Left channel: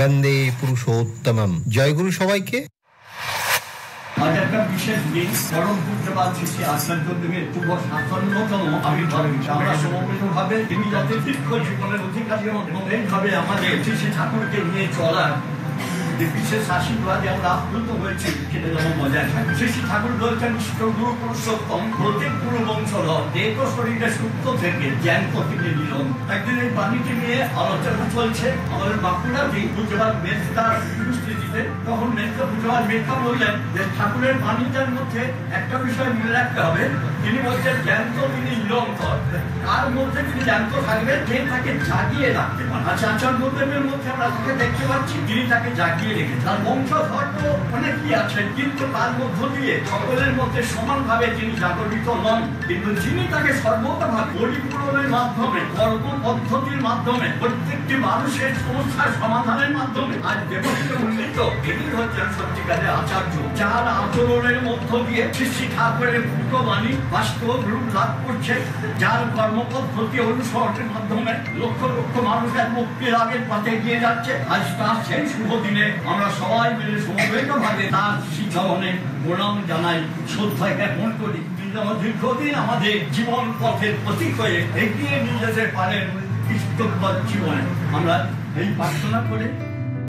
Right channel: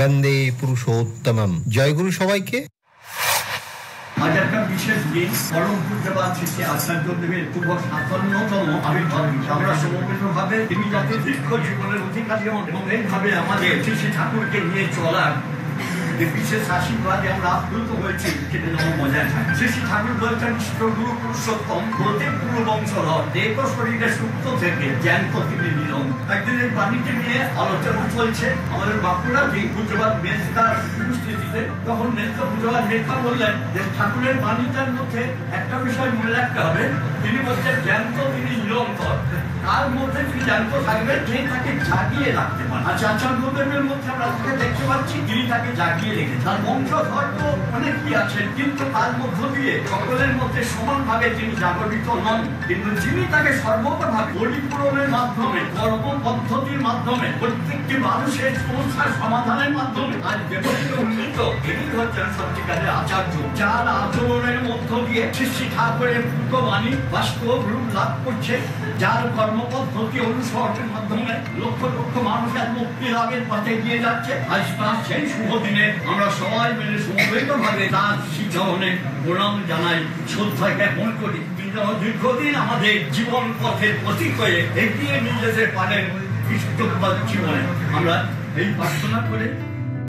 বন্দে পুরুষোত্তমম। জয় গুরু সবাইকে। আজ একটা বিশেষ দিন, পরম পূজ্যপাদ শ্রী আচার্যদেবের শুভ ৫৭তম আবির্ভাব। আমরা সমবেতভাবে তিনি যাতে দীর্ঘ জীবনের অধিকারী হন এবং এইভাবে আমাদের শ্রী ঠাকুরকে নিয়ে চলার বিশেষ আশীর্বাদে আমরা আপ্লুত হয়েছি, সেটা যেন বজায় থাকে। শ্রী ঠাকুর বলছেন গুরু পুরুষোত্তম প্রত্যেক গুরু বংশধর দেহ শরীরের সূক্ষ্ম থেকে জ্ঞান্ত থেকে নিরন। একদিন এই বাণীকে নিয়ে আলোচনা চলছে। আমাদের বাঁকুড়াজি পূজ্যপাদ মেজদার দৃষ্টি দিতেন, তখন মেজদা পূজ্যপাদ মেজদা বললেন যে ঠাকুরের বাণীটার মধ্যে একটা বিষয় মনে রাখতে হবে। তিনি বলছেন জ্ঞান্ত তিনি নিরন্তর, তার মধ্যে তিনি জ্ঞান্ত থাকবেন যে তাকে জাগিয়ে রাখতে পারেন। আচ্ছা, আচার্যদেবের মধ্যে আমরা তাকে দেখতে পাচ্ছি, তিনি তাকে জাগিয়ে রেখেছেন। তার বংশধর তো অনেকই আছেন, কিন্তু তার মধ্য দিয়ে সকলের মধ্যে সমানভাবে তিনি জাগরিত নন। কিন্তু যিনি তাকে সর্বতভাবে পরিপূরণের মাধ্যমে, কর্ম পদ্ধতির মাধ্যমে, প্রত্যেকটি মানুষের সমস্যার সমাধানের মাধ্যমে আজ দেবকে উন্নীত, তিনি হচ্ছেন সত্যিকারের আচার্য, যার আচরণের মধ্য দিয়ে শ্রী ঠাকুরের বাণী বাস্তব রূপ লাভ করছে, যার কর্মপদ্ধতি অনুসরণের মাধ্যমে লক্ষ লক্ষ মানুষের মুক্তি লাভের পথে গিয়ে যাচ্ছে। আজ তার সেই শুভ দিনে আমরা সবাই মিলে সমবেত ভাবে তার শ্রীচরণে প্রণাম জানাই, শ্রদ্ধা জ্ঞাপন করি। তিনি যেন দীর্ঘদিন আমাদের জীবন পথের প্রতীক হয়ে এগিয়ে নিয়ে যেতে পারেন কৃষ্ণ জীবনে। আমরা এই প্রার্থনা করে